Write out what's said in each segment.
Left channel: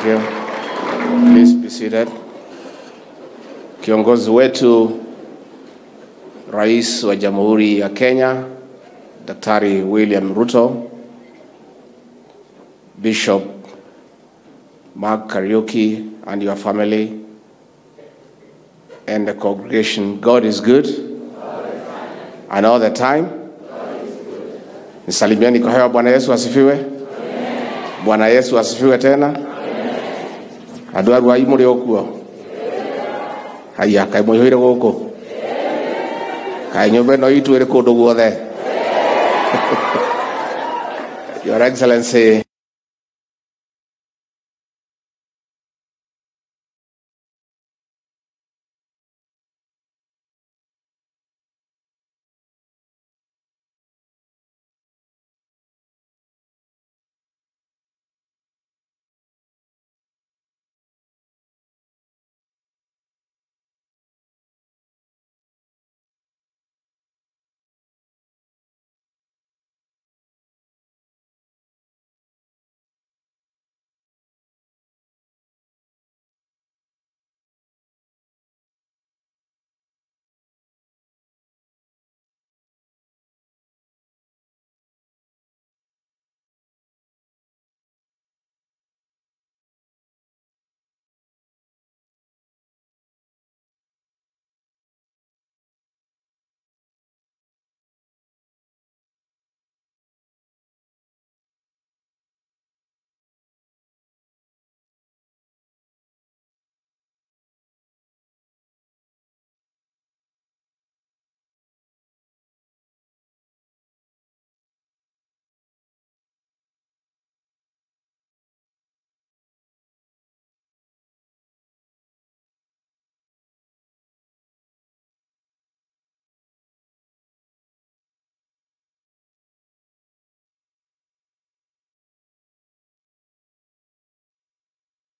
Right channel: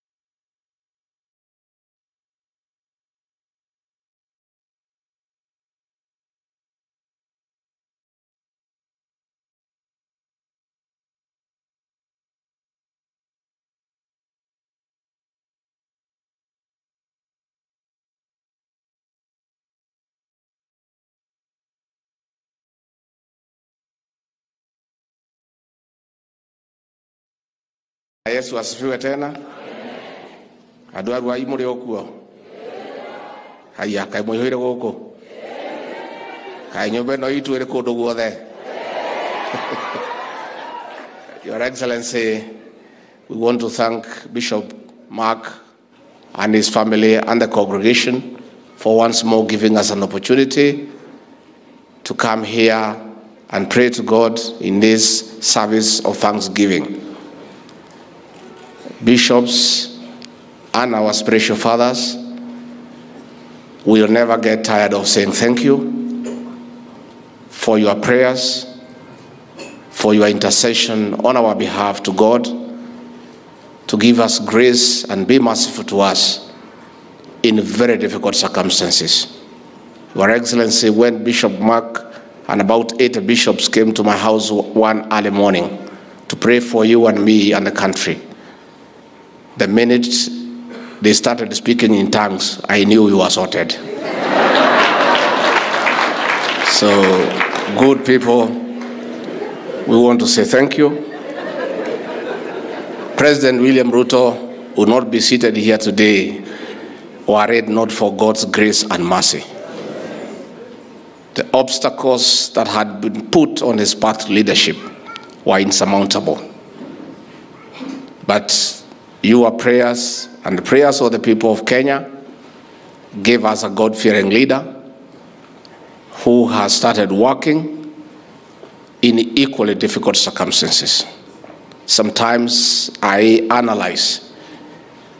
Thank you. Please be seated. Kiongozi wetu Rais wa Jamhuri ya Kenya, Daktari William Ruto, Bishop Mark Kariuki and your family, and the congregation, God is good. And all the time. Nisalimiani kwa hewa. Bwana Yesu asifiwe. Bwana Yesu asifiwe tena. Andũ a Ruai mũrĩ okuo. Haya, kai mũihũire gũkũ. Kai nyũmba ĩno itũ ĩrĩ kũndũ guothe. Your Excellency, we want to thank Bishop Mark and his family and the congregation for once more giving us an opportunity to come here and pray to God in this service of thanksgiving. Bishops and our spiritual fathers, we will never get tired of saying thank you for your prayers, for your intercession on our behalf to God, to give us grace and be merciful to us in very difficult circumstances. Your Excellency, when Bishop Mark and about 8 bishops came to my house one early morning to pray for you and me and the country, the minute they started speaking in tongues, I knew we were sorted. So, good people, we want to say thank you. President William Ruto will not be seated here today were it not for God's grace and mercy. The obstacles that had been put on his path to leadership were insurmountable. But your prayers and the prayers of the people of Kenya gave us a God-fearing leader who has started working in equally difficult circumstances. Sometimes I analyze.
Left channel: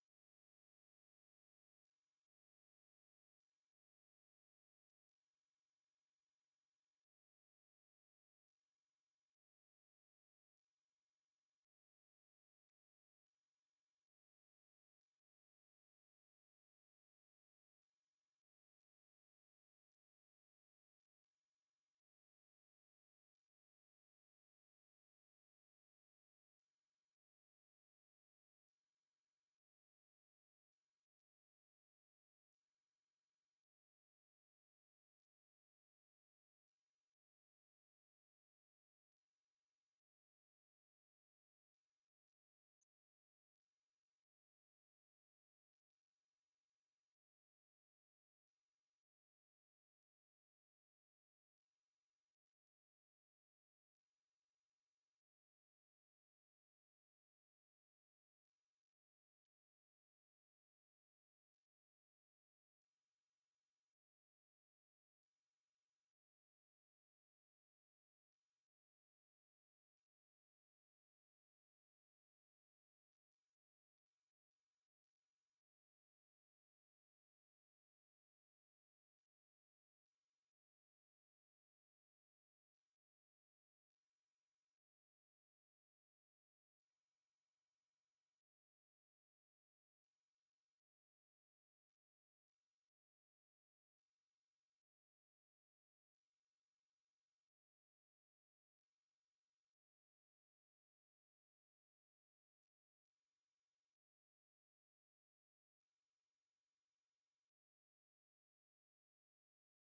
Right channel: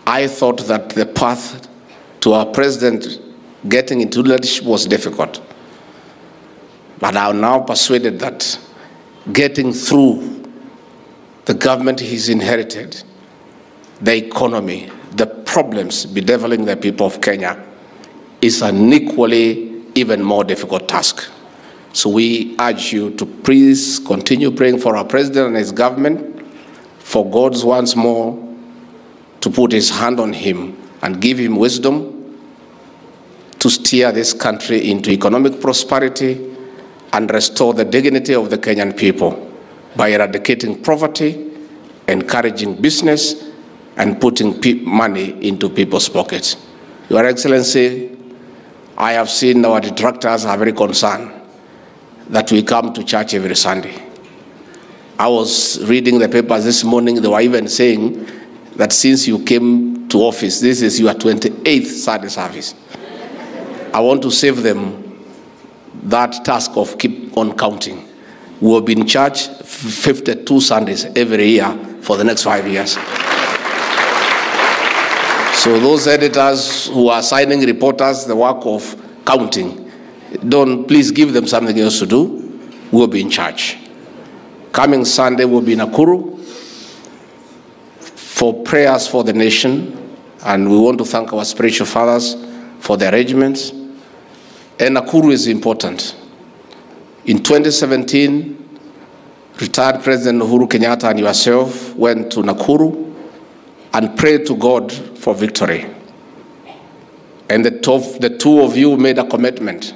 I thought that the path to our president getting into leadership was difficult. But I'm now persuaded that getting through the government he's inherited, the economy, the problems bedeviling the people of Kenya is an equally even more difficult task. So we urge you to please continue praying for our president and his government, for God once more to put his hand on him and give him wisdom to steer this country into economic prosperity and restore the dignity of the Kenyan people by eradicating poverty, encouraging business, and putting money into people's pockets. Your Excellency, I have seen our detractors are very concerned that we come to church every Sunday. I was reading the papers this morning, they were even saying that since you came to office, this is your 28th Sunday service. I want to save them that task of keep on counting. We will be in church 52 Sundays every year for the next 5 years. So those editors who are assigning reporters the work of counting, please give them something else to do. We'll be in charge. Coming Sunday, we'll be in Nakuru for prayers for the nation, and we want to thank our spiritual fathers for the arrangements. And Nakuru is important. In 2017, retired President Uhuru Kenyatta and yourself went to Nakuru and prayed to God for victory. And the two of you made a commitment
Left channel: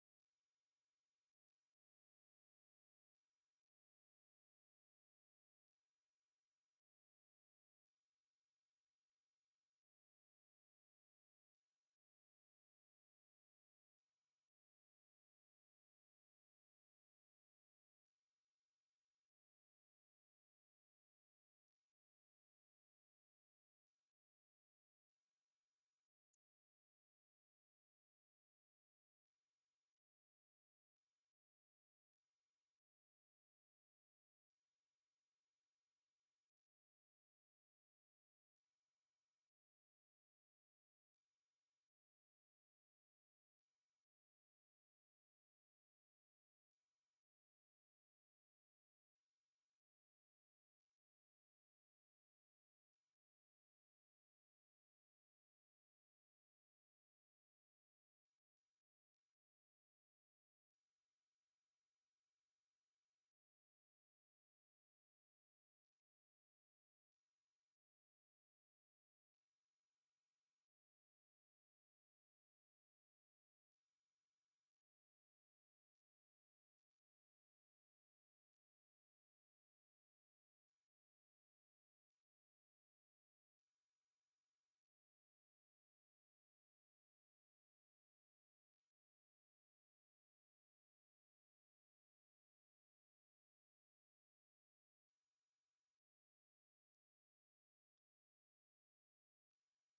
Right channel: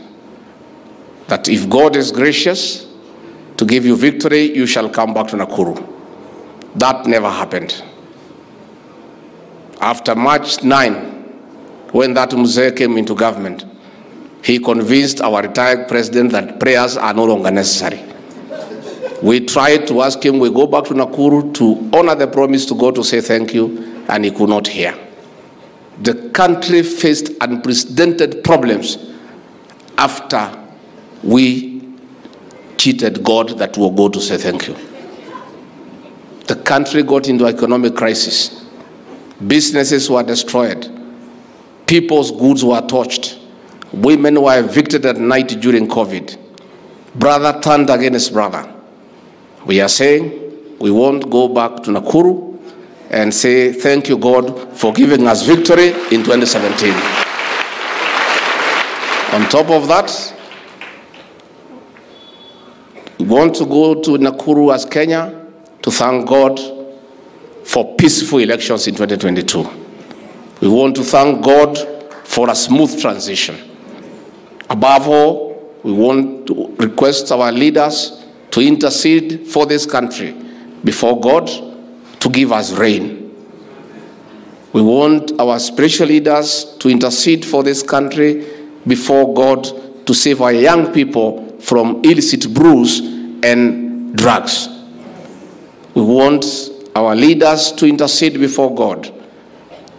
that if God is gracious to give you victory, you shall come back to Nakuru. That never happened. After March 9, when that Mzee came into government, he convinced our retired president that prayers are no longer necessary. We tried to ask him, we go back to Nakuru to honor the promise to God to say thank you, and he could not hear. The country faced unprecedented problems after we cheated God that we will go to say thank you. The country got into economic crisis. Businesses were destroyed. People's goods were torched. Women were evicted at night during COVID. Brother turned against brother. We are saying we won't go back to Nakuru and say thank you, God, for giving us victory in 2017. On top of that, we want to go to Nakuru as Kenya to thank God for peaceful elections in 2022. We want to thank God for a smooth transition. Above all, we want to request our leaders to intercede for this country before God to give us rain. We want our spiritual leaders to intercede for this country before God to save our young people from illicit brews and drugs. We want our leaders to intercede before God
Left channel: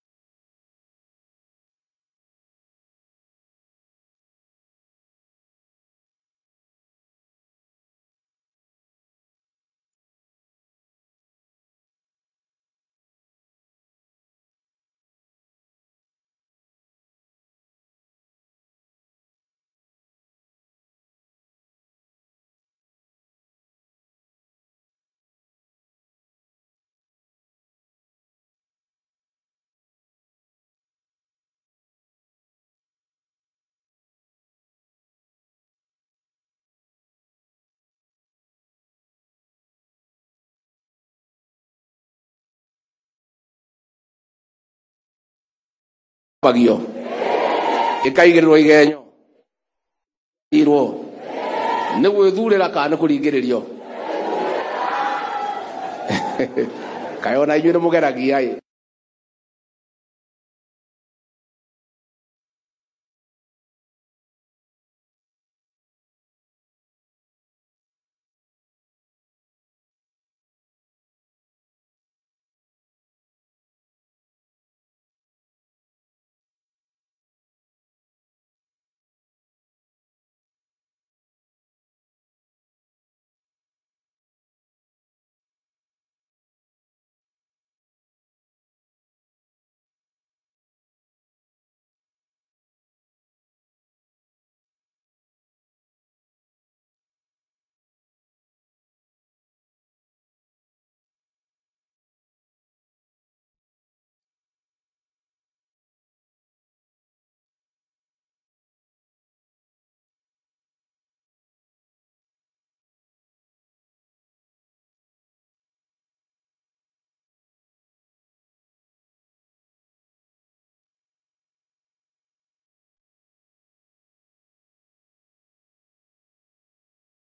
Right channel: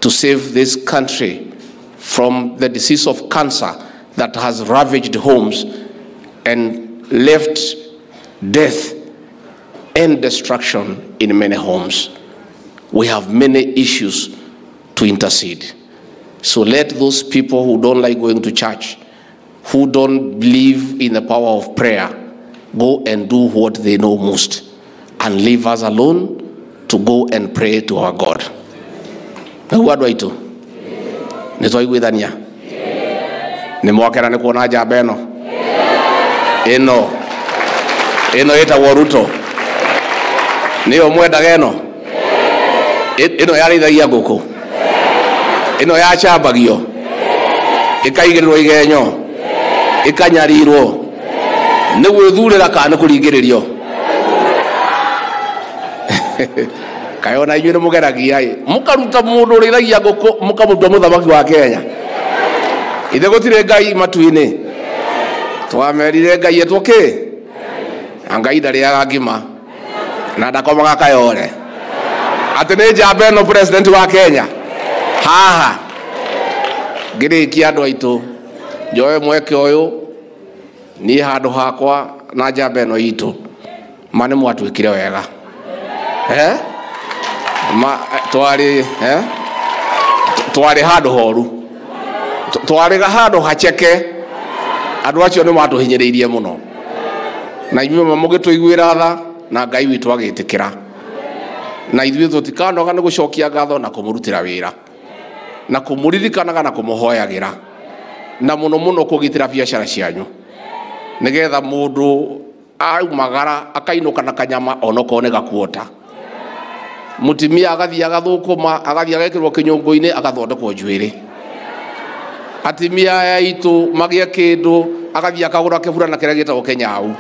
to save this country from the disease of cancer that has ravaged homes and left death and destruction in many homes. We have many issues to intercede. So let those people who don't like going to church, who don't believe in the power of prayer, go and do what they know most and leave us alone to go and pray to our God. What do I do? Nimwakera ni kuona jaba eno ĩtagwo Ruto nĩyo mwendaga ĩno yarĩithagia ngũkũ ĩno yacambagio ĩkaigĩrĩrwo igenyo ĩkanyarirwo nĩ gwĩthurĩra kana kũringĩrĩrio kayona inyuĩ nĩ mũgeragia mũkaruta mũndũ ũrĩithagia ngũkũ mũkamũtua mũthamaki wa Kenya. Ithe gũtirĩ Ngai matu-inĩ twamerire Ngai etwoke Ngai ndarĩaga ngima na ndakomaga kayore atĩ nĩ njamba ĩno president wa Kenya haha ngĩrĩkia andũ aitũ njoe mweke ũyũ niĩ handũ hakwa na njamba ĩno itũ ma nĩ mwatwĩkire wega twarĩ handũ horu twarĩga handũ hacheke andũ acio nĩ matũhinyĩrĩirie mũno na inyuĩ mũgĩtũiguĩra tha na Ngai witũ agĩtĩkĩra na ithuĩ tũtikanoga nĩ gũcokia ngatho na kũmũrutĩra wĩra na kũmũririkanaga na kũmũhoyagĩra na mũno mũno kũgitĩra biacara cianyu nĩgetha mũndũ aumagara akainũka na kanyama onokorwo nĩ gakuota mutimia agathia agathũkũma agathia agekĩrwo kĩnyũngũ-inĩ agathondekwo njuĩrĩ atimia aitũ magĩa kĩndũ agathia akagũra kĩburana kĩrĩa gĩtagwo Kenyau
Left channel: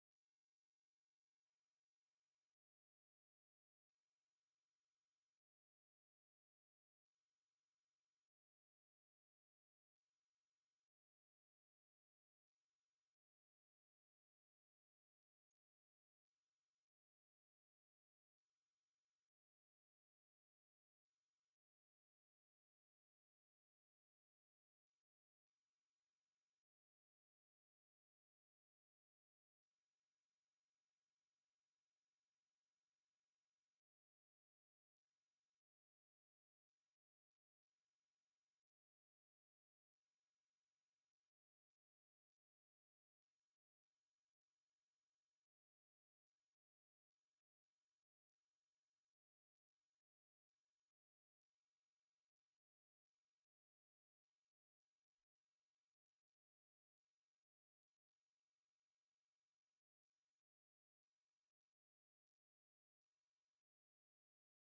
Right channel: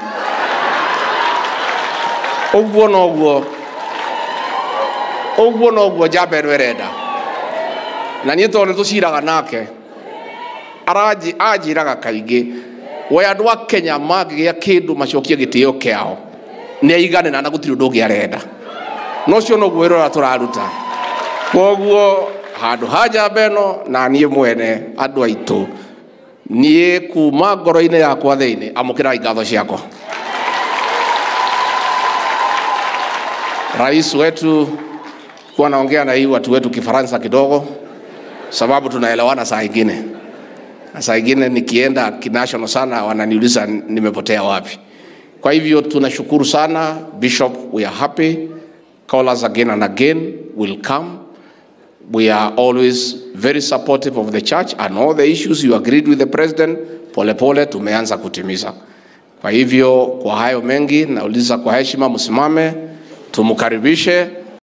ũguo noguo njamba ĩno ĩrenda na niĩ tondũ nĩtũciraga nake anjĩraga kaingĩ we andũ a Kenya mangĩgĩa kĩndũ macokie gĩtĩo kĩao nĩ aiganĩra na gũtirĩ ũndũ ũngĩ arenda no cio noguo wĩra tũraruta koguo handũ ha njamba ĩno na niĩ mwene andũ aitũ niĩ kuma ngoro-inĩ yakwa thĩinĩ amũkĩrai ngatho ciakwa. Rais wetu kuwa naongea na hii watu wetu Kifaransa kidogo sababu tunaelewana saa ingine nikienda kinational sana wananiuliza nimepotea wapi. Kwa hivyo tunashukuru sana Bishop, we are happy. Call us again and again, we'll come. We are always very supportive of the church and all the issues you agreed with the president, pole tumeanza kutimiza. Kwa hivyo kwa hayo mengi nauliza kwa heshima msimame tumukaribishe